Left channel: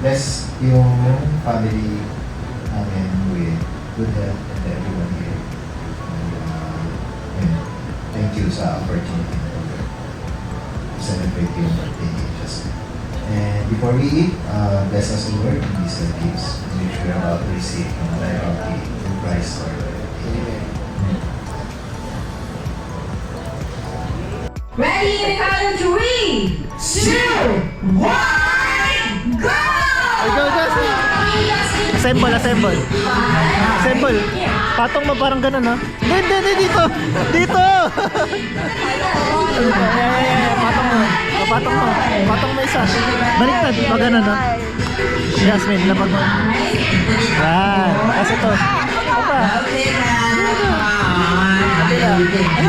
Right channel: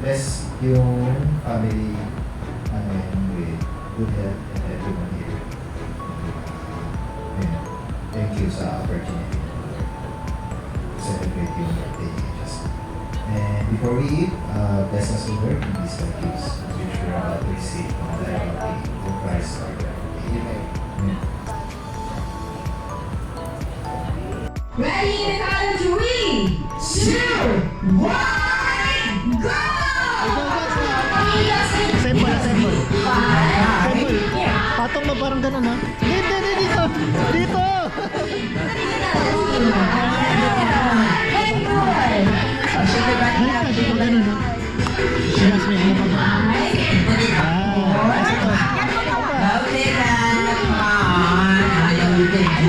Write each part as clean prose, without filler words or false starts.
bless yung family namin with good health and everyone here. Yun. Thank you sa opportunity to celebrate yung birthday ni Justin. And before we eat, bless us Lord in these gifts which we are about to receive from the Christ Lord. Amen. Ready in the count of 3, 2, 1, go! Assemble. Assemble. Patong mo parang ganun, ha? Hindi, dito. Dito! Patong mo isa. Baliktad, pa ganun, ha? Jasmine, labag mo. Kasi to.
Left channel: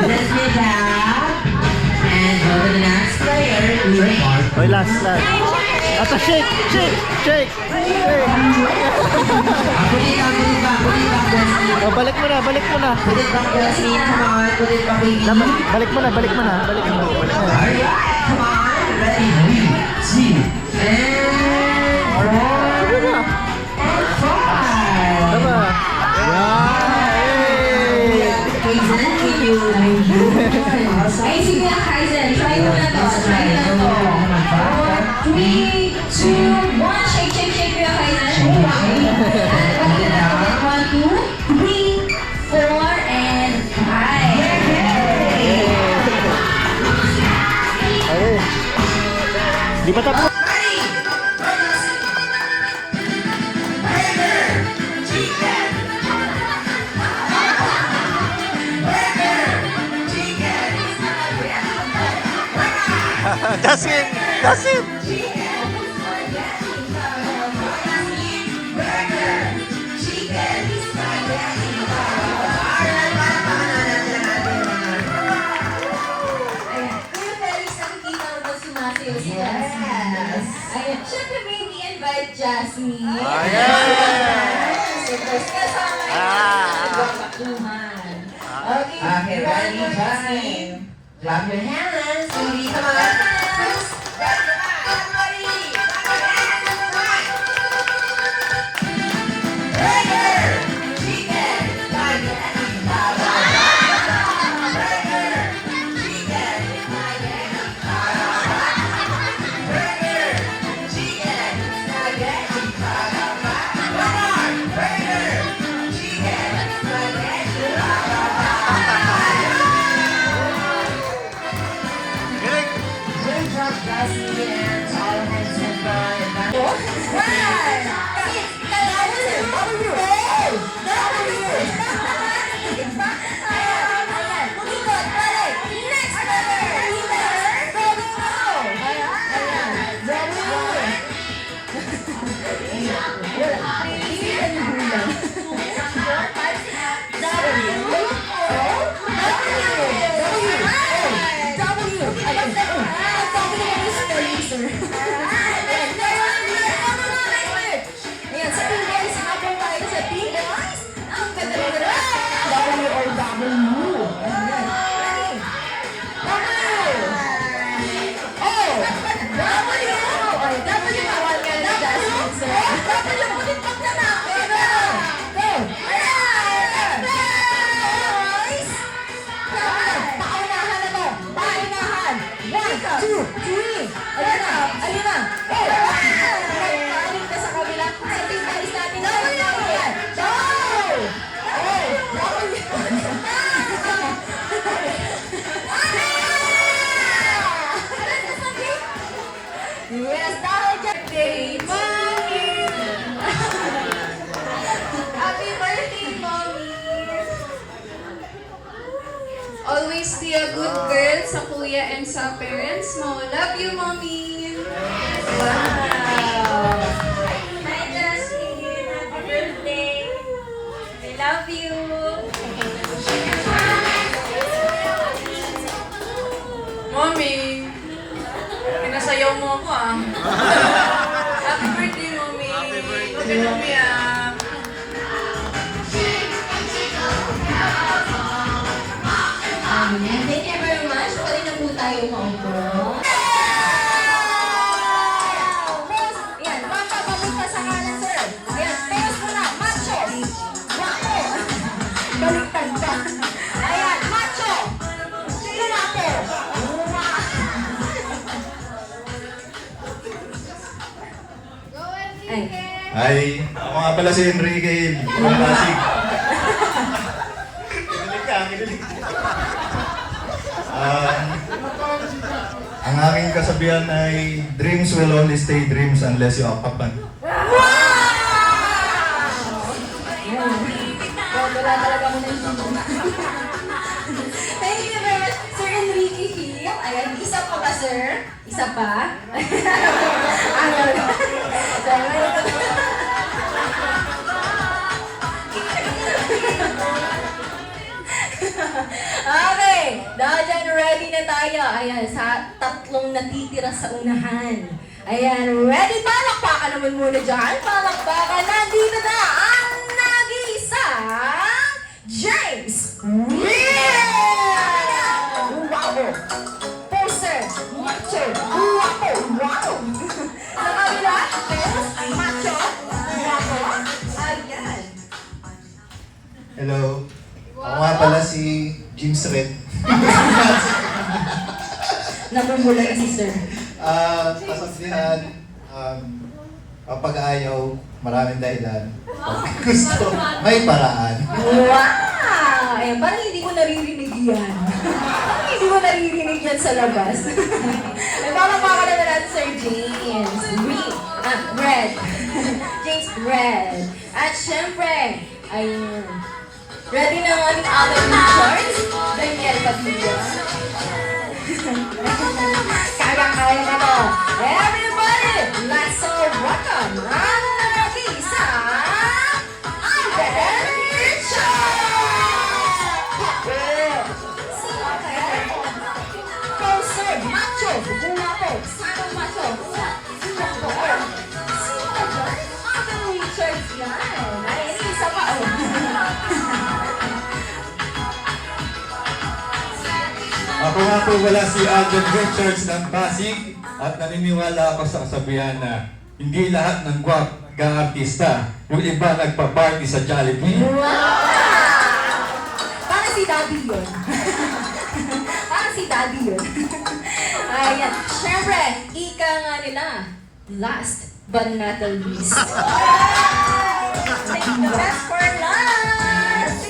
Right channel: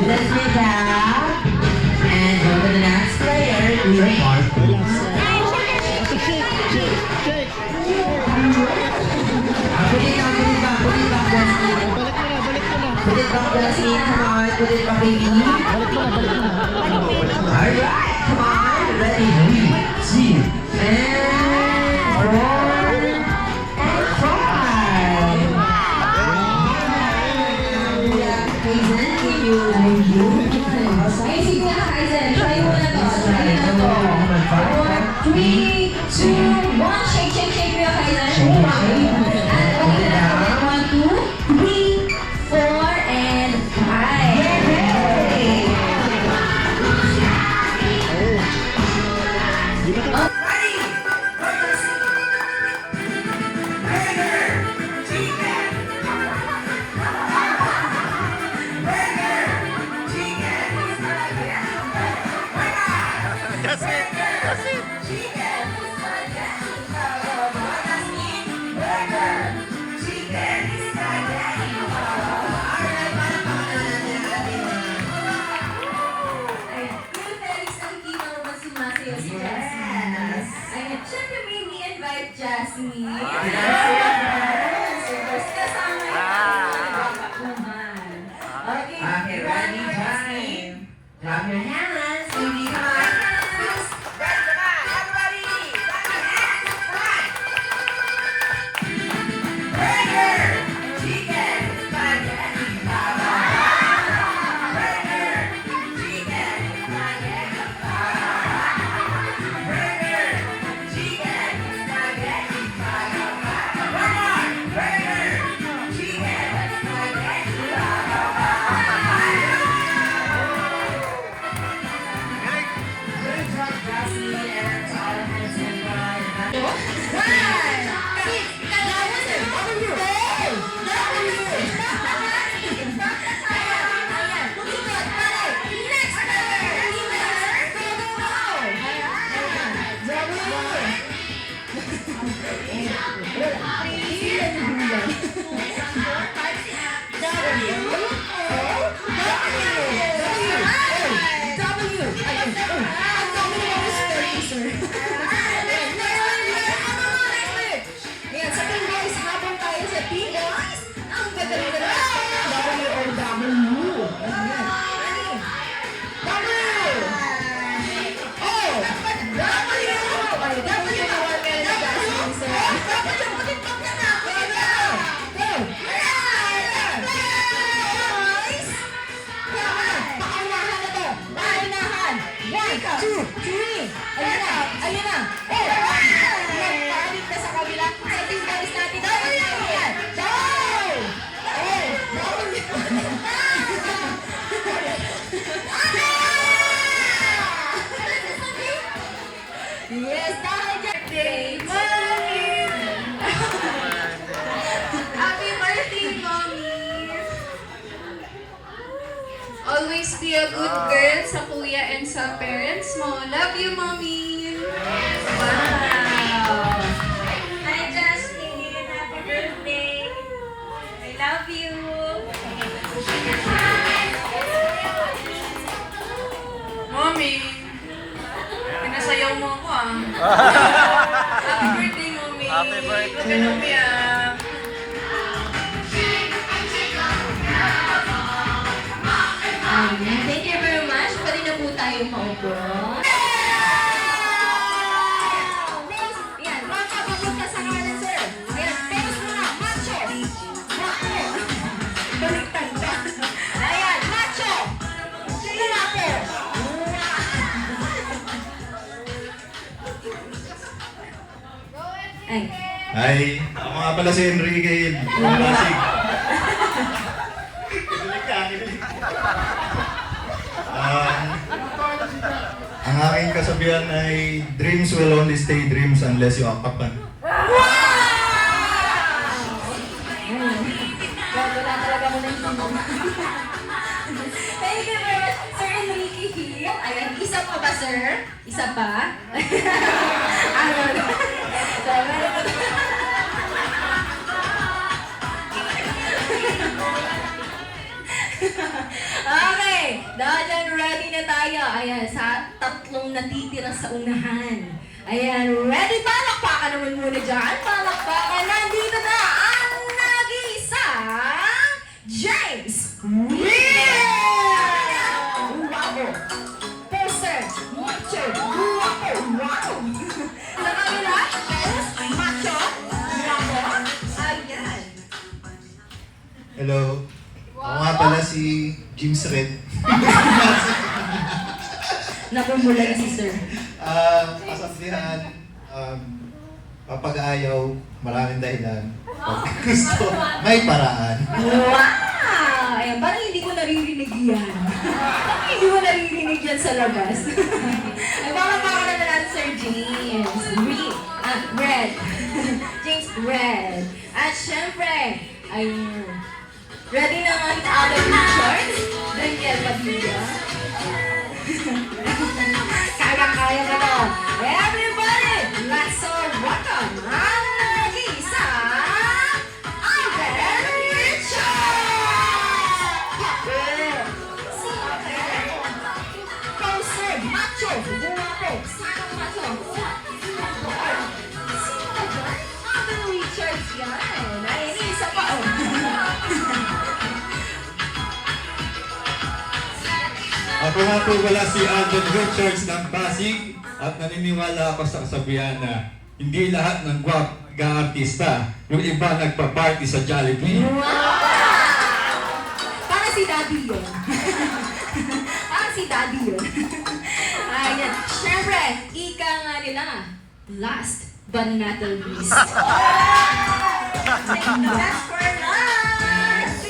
Let's get out. And go to the next player. Okay, last. Ato, shake. Balik mo na. Put it back, Jasmine. Come on. Put it back, baby. Balik mo na. Alright, come on. Ready? 3, 2, and 5. Hazen, can you? Ay, sige na, Hazen. Try mo na to. 3, 2, 1. Shake mo yung Hazen. 1, 2, 3, 4, and 5. Di ba tapos? That's it. Ayan, syempre may invite Jasmine. Ayan! Kasama nagpapaktuhan. Okay, ready, Jasmine? Clap your hands, baby, come on. Yes, happy birthday, Mommy! Happy birthday, Mommy! Always be a good girl sa kuya and sa parents mo. Love you, Mommy! Wow! Hi, Justin! Happy birthday! I love you! Mommy! Pinasayaw mo ako ah. Happy birthday, Mommy! Happy birthday. Look at Mommy ah. Thank you very much. Pwede na po tayo maupo. Yan, Ay, ako nga pala si Enrique from Pasig. Kinulit ka, kinulit ka. Ang aking kasabihan ay, dreams will only stay dreams unless you act upon. Wala talaga mo na yung Thank you very much, Sir Enrique Hill. Ayan, isa pa ba, sir? Isa pa? Okay, dahil ready na tayo. Ayan, sa tatlong natitira sa unahan. Ayan, ready? Palakpakan naman muna dyan. Palakpakan, nandito na ang nag-iisang James Will! Wow! Poser, macho, guwapo, wow! Sa kabila, yes, macho, guwapo. Ayan. Hello. Ako nga pala si James Red. Napumula si sir. Kasabihan, kapag ayaw, maraming dahilan. Pag gusto, may paraan. Wow! Ayun, parang hindi ko naririnig yan. Hindi ko naririnig yan sa labas. Nagpapapaka naman natin Sir James. Red. James Red. At syempre, ayun. Ready na ang aming Charles? Daniel Padilla. Kaya-kaya ka to. Everybody, let's all welcome ang nag-iisa, Alden Richards! Poser, macho, guwapo, sino macho, sino poer, sino poer, Alden Richards yan. Ay, isa pa. Ako nga po wala si Alden Richards ng Pasig at naniniwala ako sa kasabihan na hindi lahat ng artista, yung iba nagpa-party sa Jollibee. Wow! Para si Daddy yun. Para si Daddy yun. Ayan. Siyempre, ika nga nila. Last but not the least. Best for last!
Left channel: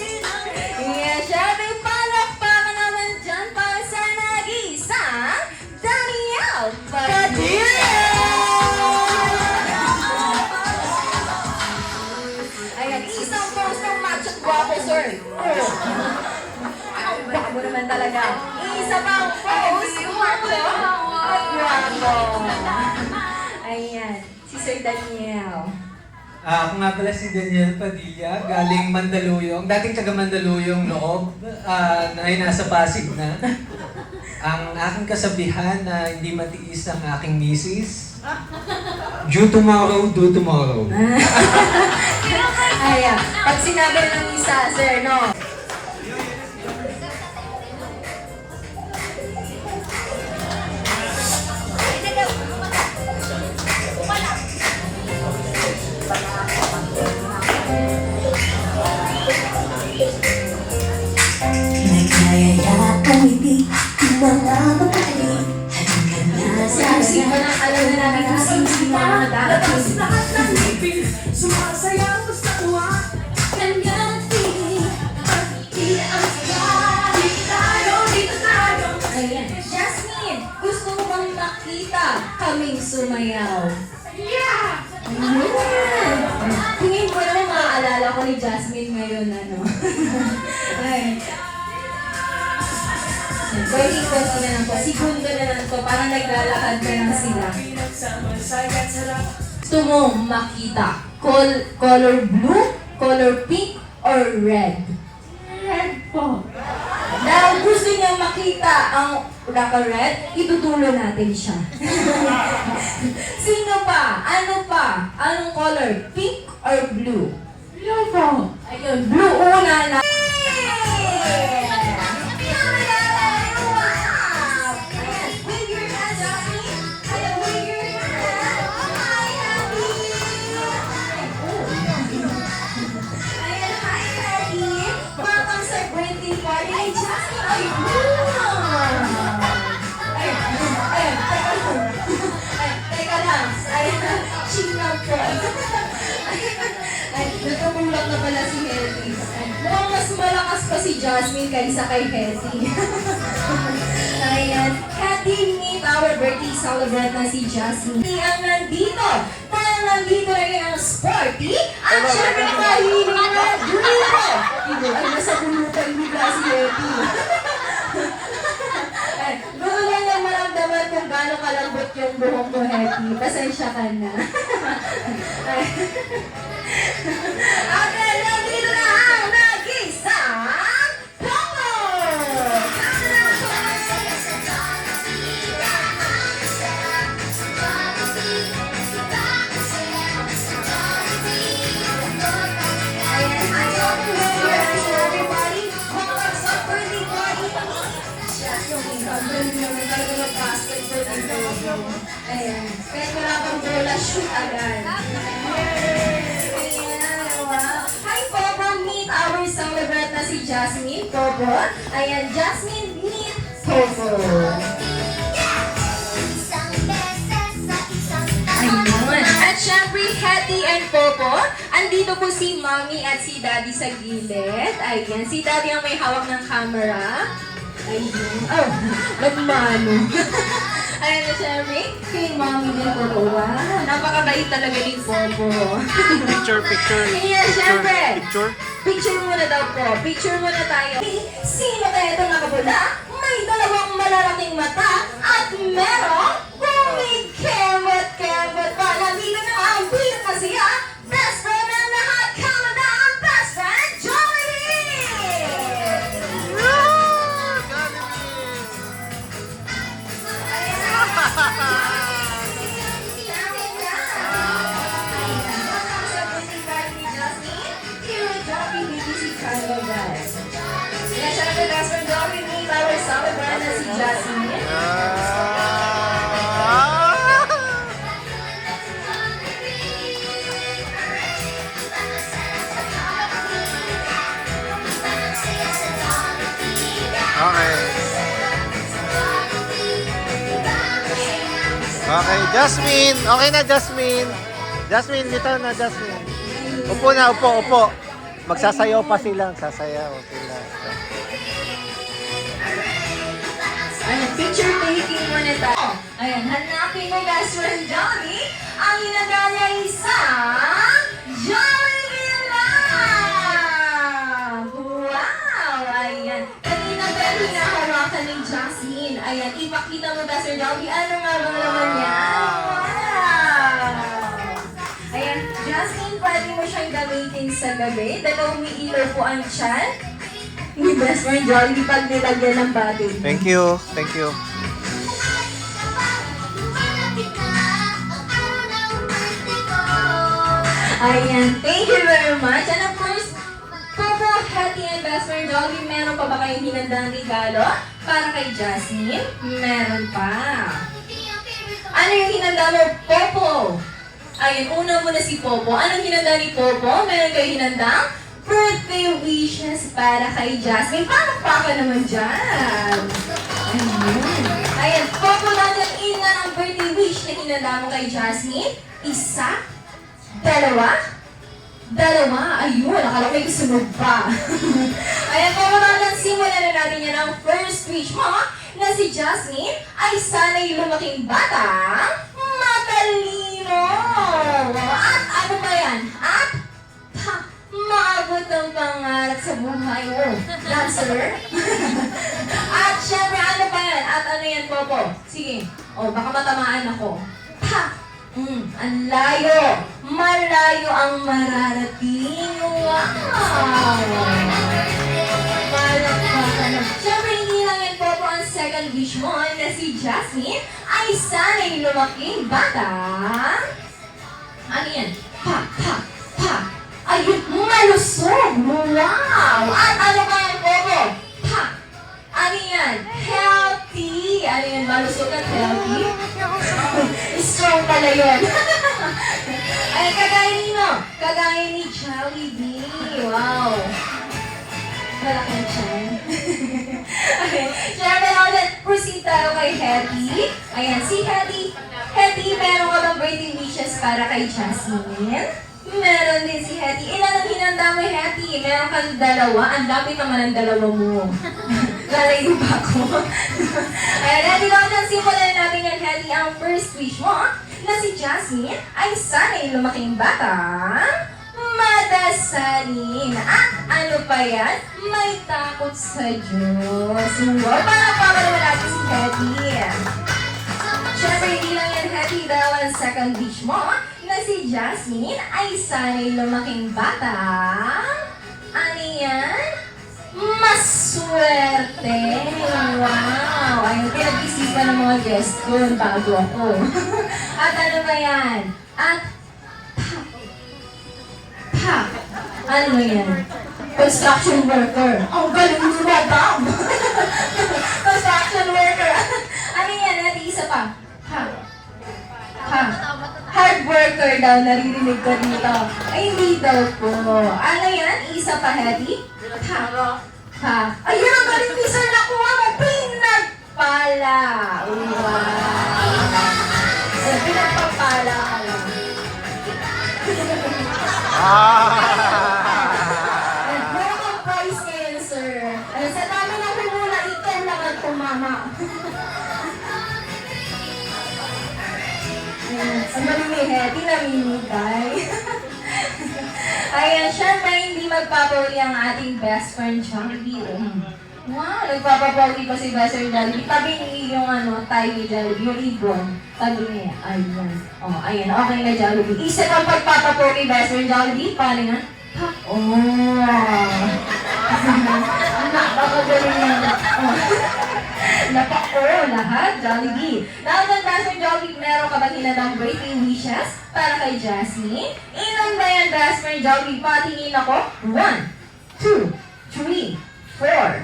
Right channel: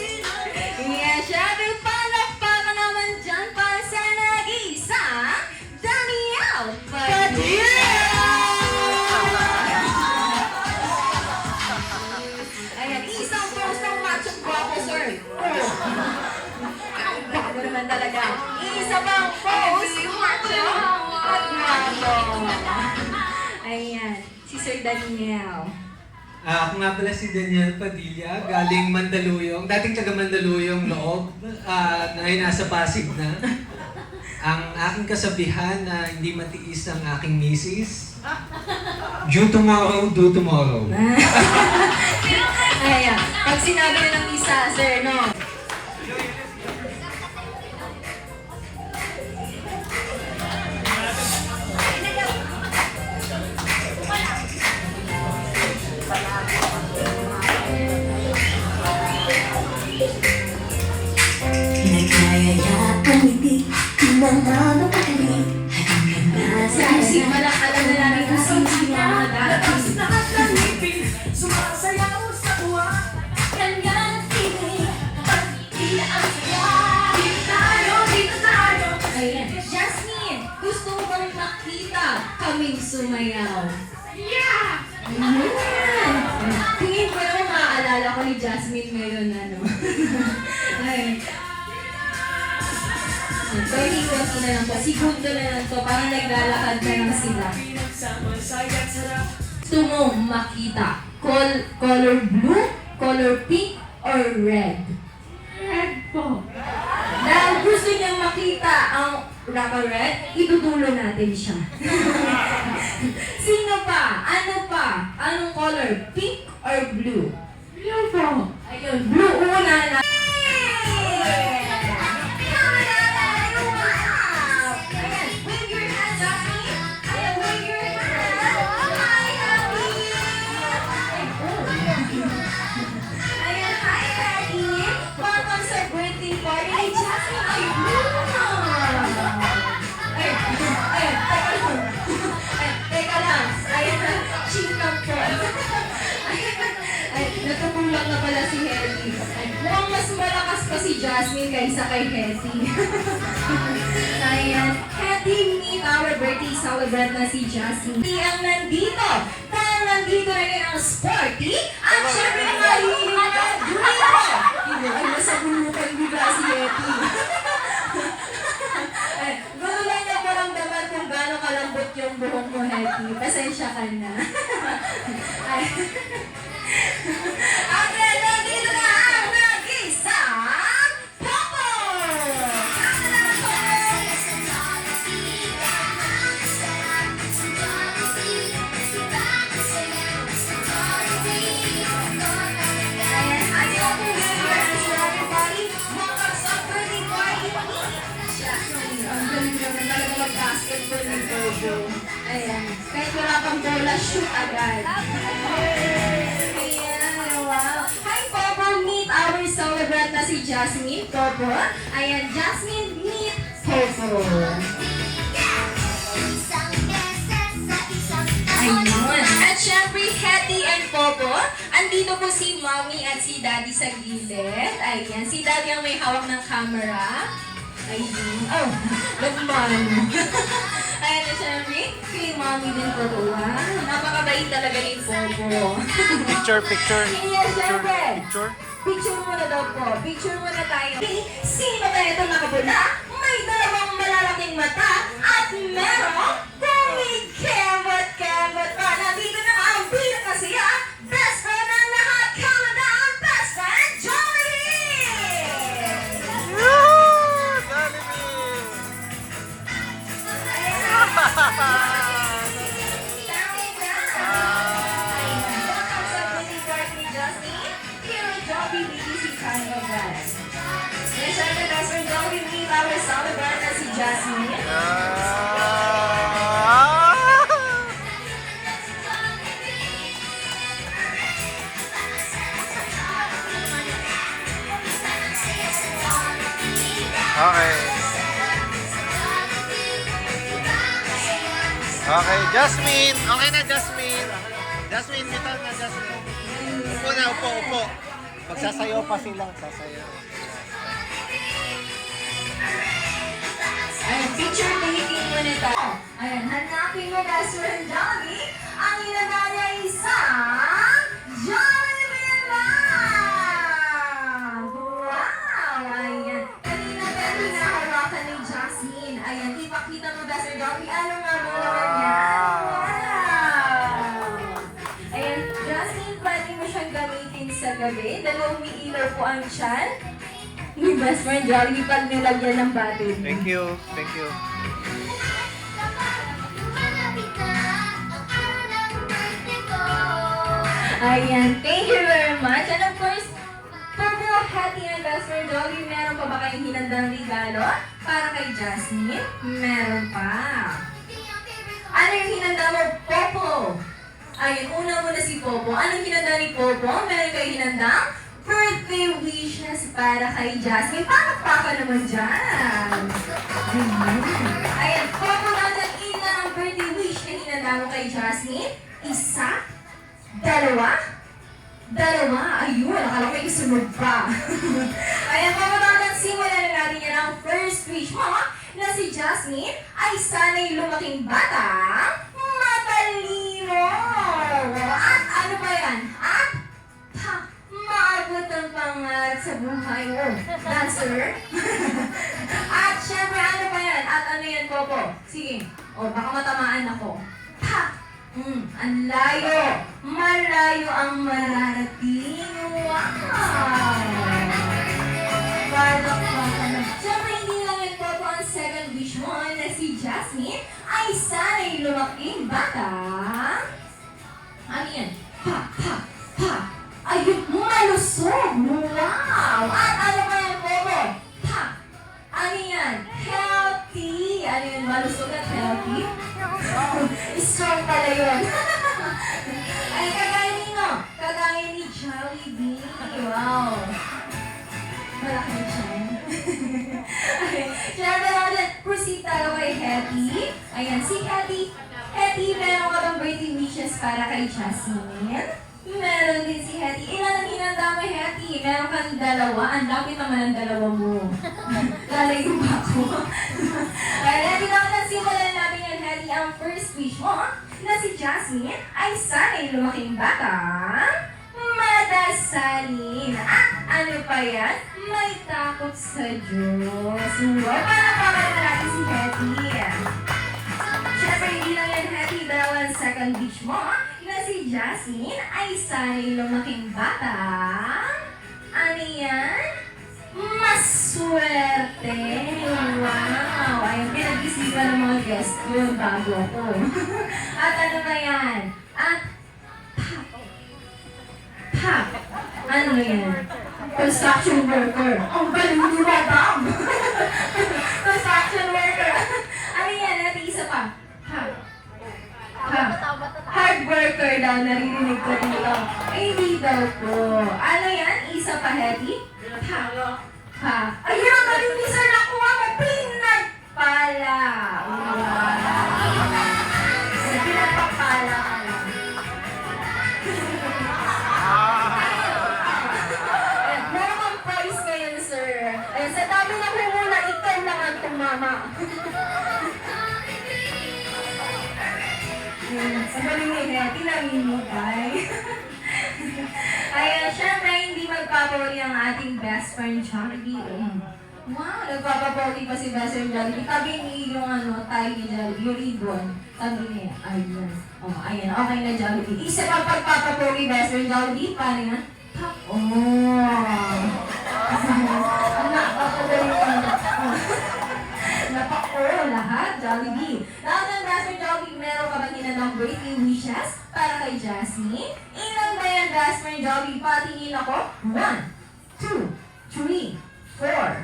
Yeah, siyempre, palakpakan naman dyan para sa nag-iisang Daniel Padilla! Ayan, isang post ng macho guwapo, sir. Bago naman talaga. Isa pang post ng macho at guwapo. Ayan, si Sir Daniel. Ako nga pala si Daniel Padilla, galing Mandaluyong. Dating taga Mandaluyong loob, na ay nasa Pasig na. Ang aking kasabihan na hindi matiis ang aking misis, due tomorrow, do tomorrow. Ayan, pag sinabi ng isa, sir, no? Sino lang alam na namin kung sino ang mga darating. Sumasayaw sa tuwa. Ayan. Jasmine, gusto mo bang makita kaming sumayaw? Yeah! Tingin ko naman maaalala ko ni Jasmine ngayon, ano? Ay. Konti na lang po. Segundo na lang po. Parang naglalakad na lang sila. Gusto mo makita color blue, color pink, or red? Red po. Dahil gusto niya makita ang red, itutulo natin siya. Sino pa? Ano pa? Anong color? Pink or blue? Blue po. Ayun, blue una na. Welcome sa birthday party ni Jasmine. Ay, teka lang. Ay, chill na po. Jasmine kaysa kay Hetty. Ayan. Hetty, meet our birthday celebrant na si Jasmine. Ang nandito. Dahil nandito na rin ang sporty. At syempre mahilig na duro. Ay, nasa bulutan nila si Hetty. Gusto lang yan maramdaman kung gaano kalambot yung buhok mo, Hetty. Pasensya ka na. At nandito na ang nag-isang Popo! Ayan, ayaw ko na yung everybody. Mga sa birthday party. Basketball ng Popo. Ayan, kahit wala kang bola, shoot agad. Hi, Popo! Meet our celebrant na si Jasmine. Popo. Ayan, Jasmine, meet Popo. Ayun. At syempre, Hetty and Popo, andito po si Mommy at si Daddy sa gilid. Ayan, si Daddy ang may hawak ng camera. Ayun. Oh, ba't Mami? Ayan, syempre, kay Mommy din po. Wow, napakabait talaga ni Popo. Picture. Ayan, syempre. Picture. Picture muna daw po. Picture muna tayo. Sino kaya ito nakabula? May dalawang malalaking mata at merong kumikemot-kemot pa. Nandito na ang pinakasiya. Best friend na lahat. Come down, best friend, Jollibee! Yes, syempre, best friend Jollibee, para celebrate na si Jasmine. Okay. Okay, Jasmine. Okay na, Jasmine. Jasmine, dito na, Jasmine. Upo na, upo. Magsasayaw pa sila. Sasayaw sila. Ayan, picture taking muna tayo. Ayan, hanapin mo best friend Johnny. Ang inanda niya isang Jollibee lang! Wow! Ayan. Kanina tayo hinahawakan ni Jasmine. Ayan, ipakita mo best friend Johnny. Ano nga ba naman yan? Wow! Ayan, Jasmine, pwede mo siyang gamitin sa gabi. Dahil umiilaw po ang tiyan. Ni best friend Jollibee pag nilagyan ng batin. Thank you. Ayan, thank you very much. And of course, Popo, Hetty, and best friend Jollibee, meron pa ba kayong hinandang regalo para kay Jasmine? Meron pa. Ano yung hinanda mo, Popo? Ayun, una muna si Popo. Anong hinanda ni Popo? Meron kayo hinandang birthday wishes para kay Jasmine. Palakpakan naman dyan. Ayun. Ayan, Popo natin ilan ang birthday wish na hinanda mo kay Jasmine? Isa? Dalawa? Ayun, akala ko may sunog pa. Ayan, Popo natin, simulan na natin yan ang first wish mo na si Jasmine ay sana'y lumaking bata, matalino. At ano ba yan? At maabot ang pangarap sa buhay mo. Dancer? At syempre, ano pa yan? At ano yan, Popo? Sige. O, baka matamaan ako. Ang layo. Malayo ang mararating. Wow! Syempre, hindi lang yan, Popo, ang second wish mo na si Jasmine ay sana'y lumaking bata. Ano yan? Ayun, malusog! Wow! At ano ka yan, Popo? Ano yan? Healthy! Ano yan, malusog at healthy? Strong pala yun. Ay, kagaya nino. Kagaya ni Jollibee. Wow! Malaking siya. Okay. Siyempre natin, proceed tayo kay Hetty. Ayan, si Hetty. Hetty, meron ka bang birthday wishes para kay Jasmine? Meron din si Hetty. Ilan ang hinanda mo, Hetty? Meron kang dalawa. Ang lapit naman ang dalawa mo. Lalayo ba ako? Ayan, ready lang dyan. Simulan natin yung Hetty. Ang first wish mo na si Jasmine ay sana'y lumaking bata. Madasalin. Ano pa yan? May takot sa Diyos. Wow, parang naman natin si Hetty. Siyempre, hindi lang yan Hetty dahil ang second wish mo na si Jasmine ay sana'y lumaking bata. Ano yan? Maswerte. Wow. Ayun, pinag-isipan ng mga guest ko bago ako. At ano ba yan? At ano ba yan? Construction worker. Ang galing ni Madam! Construction worker. Ano yan? Ate, isa pa. Hard worker daw, naririnig ko dito. Ay, hindi daw po. Ano yan? Isa pa, Hetty? Ayun, ang galing ni Sir nakuha mo. Pinagpala. Wow. Pinagpapala ka lang. Meron kang prize ngayon, sir. Ayun, sa dami ng humula, ikaw lang ang tumama. Ang galing ni Hetty, namimigay. Ayan, syempre hindi magpapauli ang ating best friend, Jollibee. Wow, nagpapapauli pa si best friend Jollibee. Tabi niya yung tayo ni Jollibee, yung ibon. Tabi niya, ayun. Ayun, okay na Jollibee. Isa pang pagpapapauli best friend Jollibee, paano nga? Napakagaling na. Napako, lahat, Jollibee. Now, the best friend Jollibee, meron ka ba tinatang birthday wishes para kay Jasmine? Ilan ba yan, best friend Jollibee? Patingin ako. 1, 2, 3, 4.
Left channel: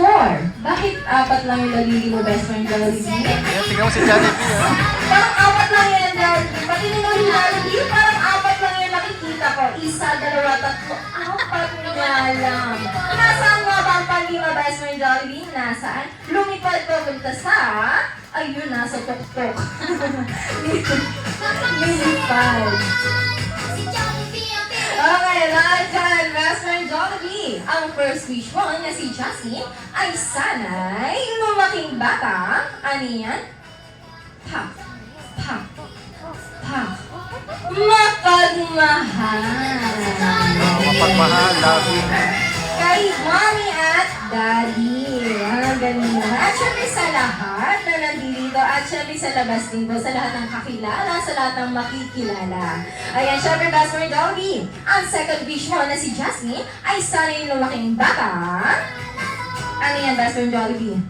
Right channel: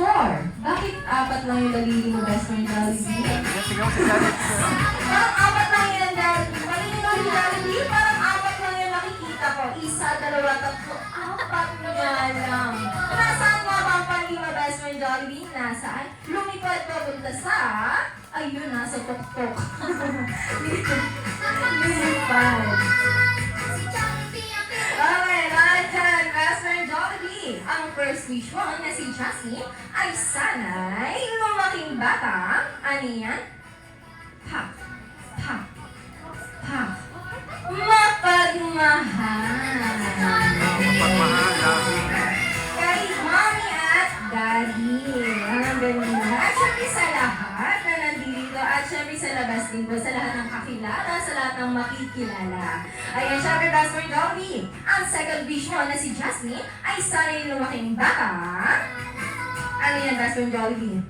4. Bakit 4 lang yung nalili mo, best friend Jollibee? Ayan, tingnan mo si Jollibee. Parang 4 lang yan, Jollibee. Patingin mo si Jollibee, parang 4 lang yung nakikita ko. 1, 2, 3, 4 nga lang. Nasaan nga ba ang panlima, best friend Jollibee? Nasaan? Lumipad ko punta sa... Ayun, nasa tuktok. Lumipad. Okay, lahat dyan, best friend Jollibee. Ang first wish mo na si Jasmine ay sana'y lumaking bata. Ano yan? Mapagmahal. Mapagmahal, loving. Kay mommy at daddy. Ang ganda. At syempre sa lahat na nandito at syempre sa labas din po, sa lahat ng kakilala, sa lahat ng makikilala. Ayan, syempre best friend Jollibee. Ang second wish mo na si Jasmine ay sana yung lumaking bata. Ano yan, best friend Jollibee?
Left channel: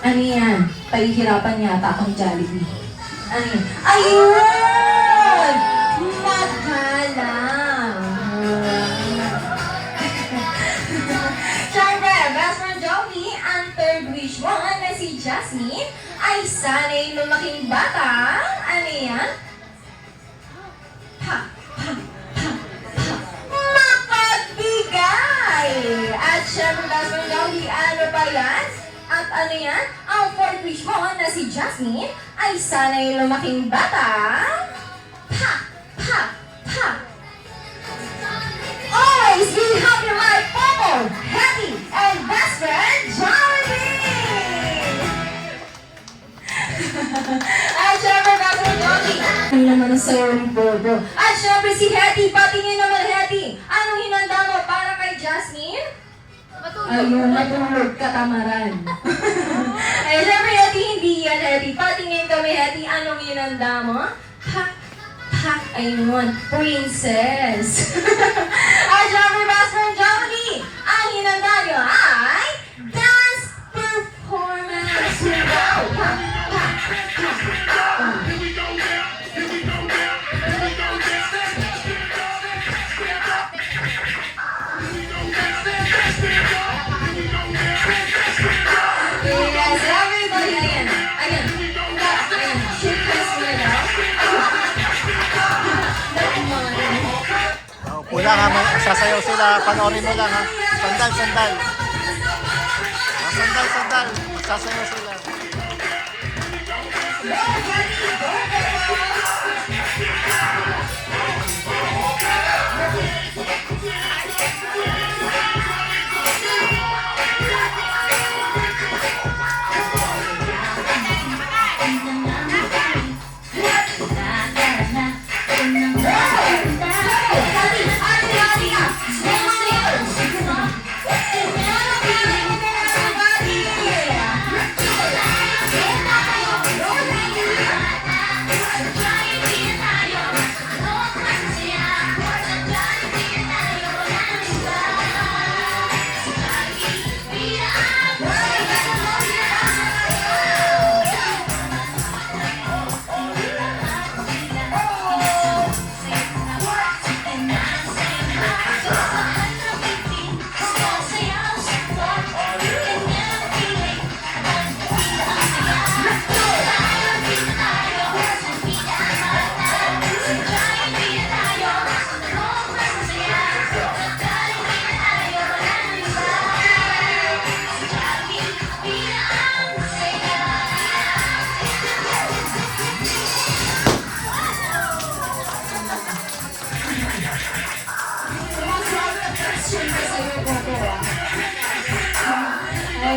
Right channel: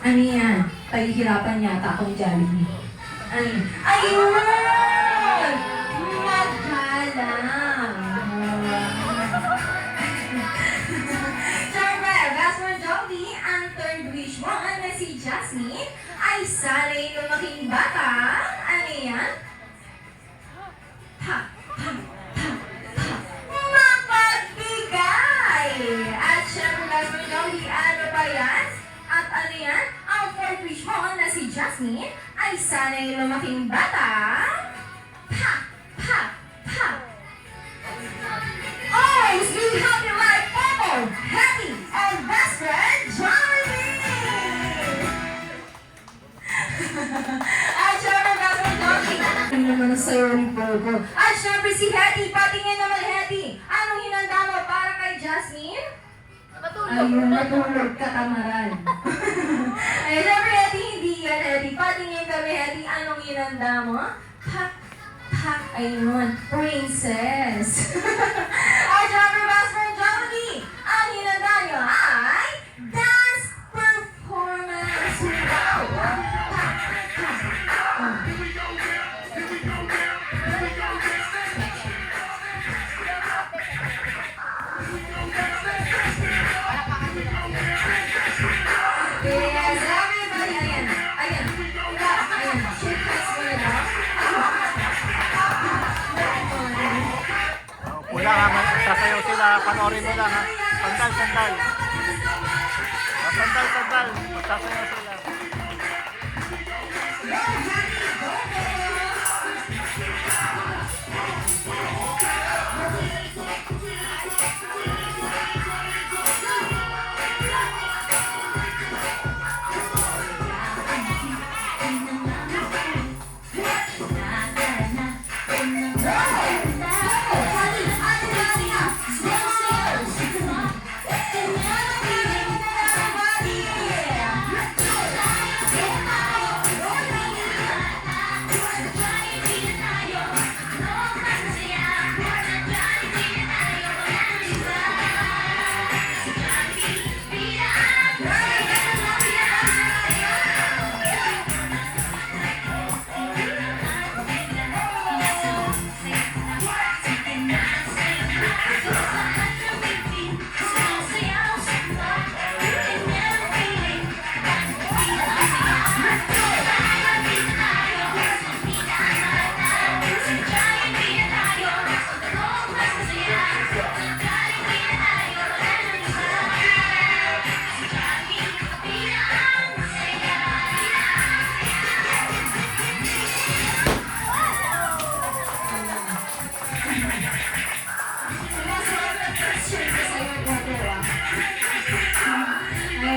Ano yan? Pahihirapan yata akong Jollibee. Ano yan? Ayun! Magalang! Siyempre, best friend Jollibee, ang third wish mo na si Jasmine ay sana'y lumaking bata. Ano yan? Mapagbigay! At siyempre, best friend Jollibee, ano ba yan? At ano yan? Ang fourth wish mo na si Jasmine ay sana'y lumaking bata. Always be happy like Popo, Hetty, and best friend Jollibee! At syempre, best friend Jollibee. Ano naman ang sayo ni Bobo? At syempre si Hetty, patingin naman Hetty. Anong hinanda mo para kay Jasmine? Ayun, natulog katamaran. Ay, syempre, Hetty, hindi yan, Hetty. Patingin kami, Hetty, anong hinanda mo? Ayun, princess. At syempre, best friend Jollibee, ang hinanda nyo ay dance performance. Yes, everybody, ayan. Shake hands muna daw. Upo lang ha, sasayaw sila. Panoorin mo lang ha. Sandal. Sandal. Magsasayaw sila. Go, Hetty, go, go, go.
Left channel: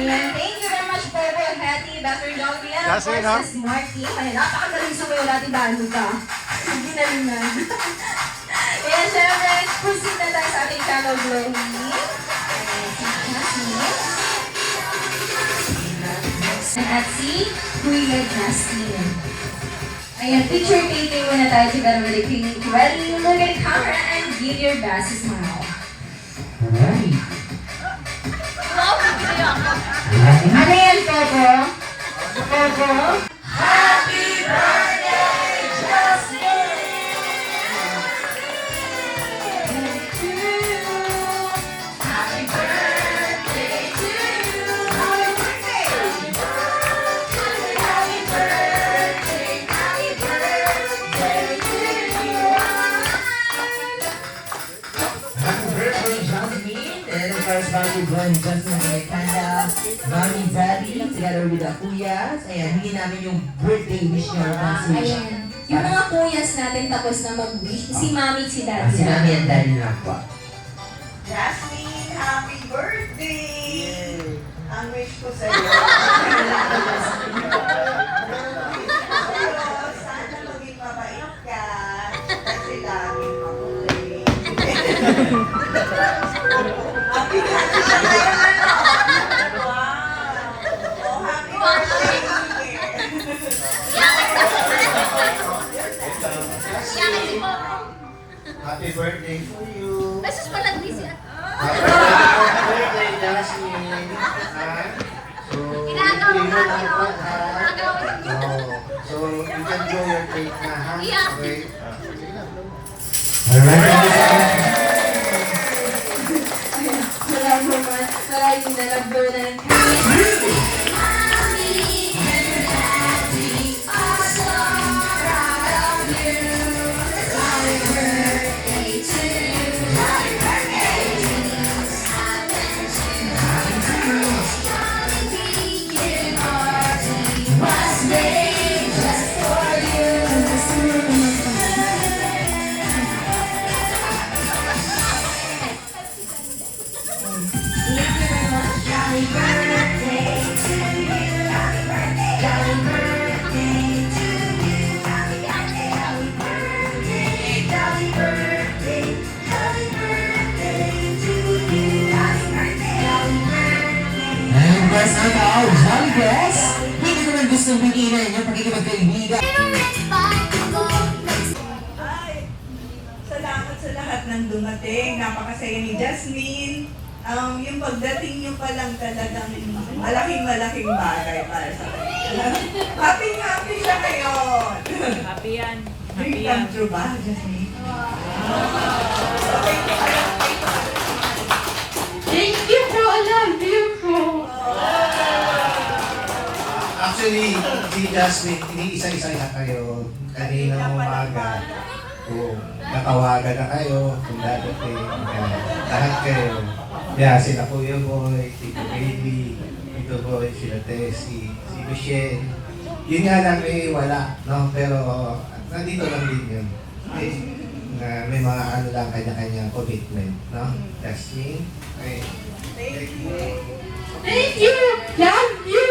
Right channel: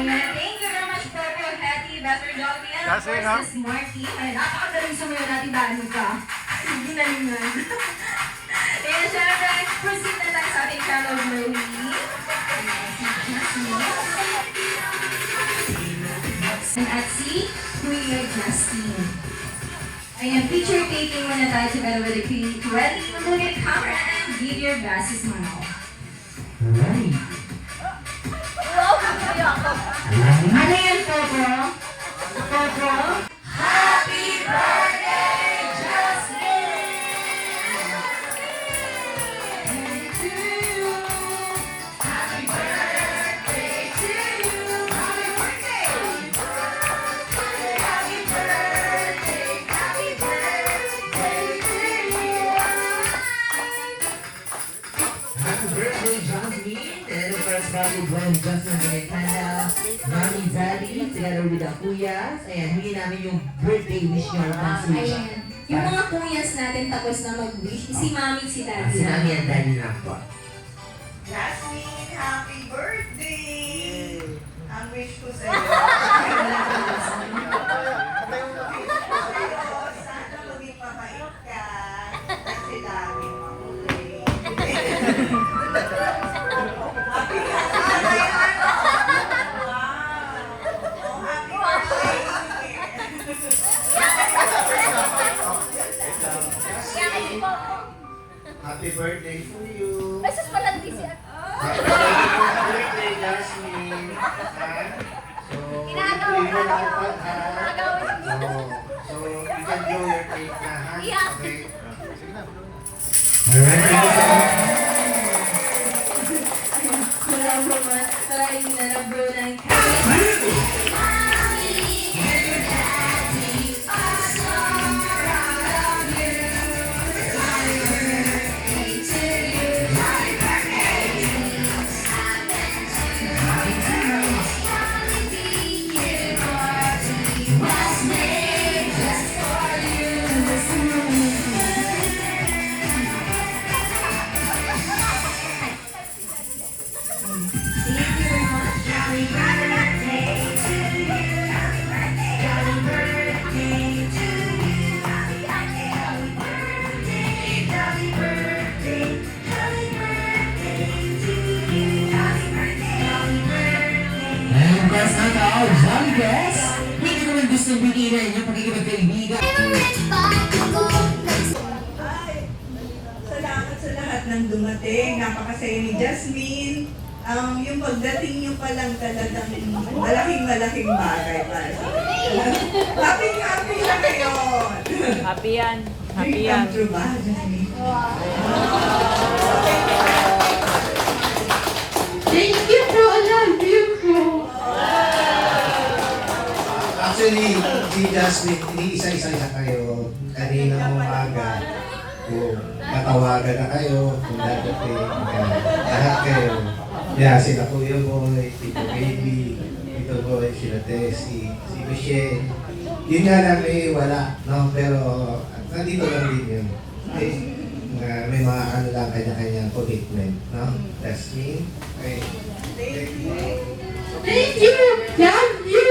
Ayan, thank you very much, Bobo, Hattie, Dr. Jovi, and of Kasi, course, no? Miss Marky. Ayan, napakagaling sumayo natin dahil ka. Hindi na linan. Ayan, syempre, proceed na tayo sa ating channel Glowy. Ayan, si Jasmine. At si Kuya Justin. Ayan, picture taking muna tayo together with the Queen. Ready, look at the camera and give your best smile. Ano yan, Coco? Coco? Happy birthday, Justin! Happy birthday to you! Happy birthday! Happy birthday! Happy birthday to you! Happy birthday, Jasmine! And of course, bago blowing Jasmine with a candle, Mommy, Daddy, together with the Kuyas. Ayan, hindi namin yung birthday wish niyo. Ayan. Yung mga kuyas natin tapos na mag-wish, si Mami, si Daddy. Si Mami and Daddy na po. Jasmine, happy birthday! Ang wish ko sa'yo. Sana maging mabait ka. Kasi lagi makulit. Happy birthday! Oh, happy birthday! Happy birthday for you. Beses pala di siya. Happy birthday, Jasmine. Ha? So, Ginagawa ito ka yung na. dapat, ha? Ginagawa. Oo. So, you can do your cake na, ha? Yeah. Okay? Sige na, blow na. Wala mo mga kahit nalabro na ng And press on our Jolly Guys. Hindi ko lang gustong bigyan yung pagkikipagkaibigan. Ay, salamat sa lahat ng dumating. Napakasaya ni Jasmine. Yung pagdating niyo pa lang talagang malaking bagay para sa akin. Happy na ngayon! Happy yan. Dream come true ba, Jasmine? Thank you po, I love you po. Actually, si Jasmine, iniisa-isa na kayo. Kanina umaga. Kung natawagan na kayo, kung dadating, lahat kayo. Yeah, sila Kuya Boy, Tito Baby, Tito Boy, sila Tessie, si Michelle. Yun nga lang may wala, no? Pero nandito lang din yun. May mga ano lang kanya-kanyang commitment, no? Jasmine, okay. Thank you. Thank you! Love you!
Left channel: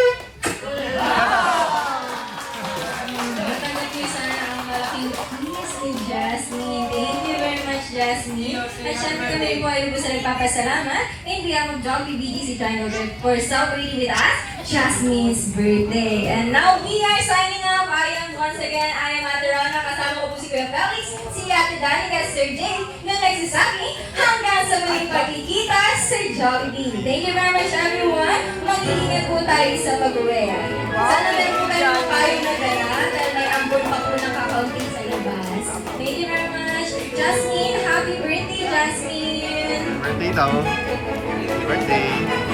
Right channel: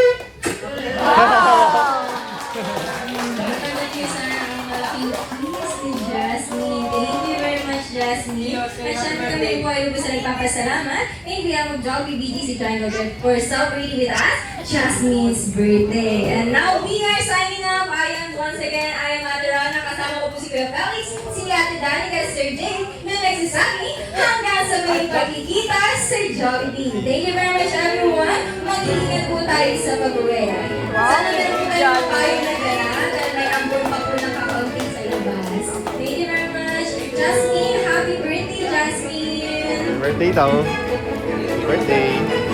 Thank you sa malaking kiss ni Jasmine. Thank you very much, Jasmine. At syempre kami po ay gusto nagpapasalamat in behalf of Jollibee BGC Triangle Trip for celebrating with us Jasmine's birthday. And now we are signing up. I am once again, I am Ate Rana. Kasama ko po si Kuya Felix, si Ate Danica, Sir Jane, na nagsisaki hanggang sa muling pagkikita sa Jollibee. Thank you very much, everyone. Mag-iingat po tayo sa pag-uwi. Sana meron po tayo kayo na gaya dahil may ambon pa po nakakaunting sa labas. Thank you very much. Jasmine, happy birthday, Jasmine! Birthday daw. Birthday.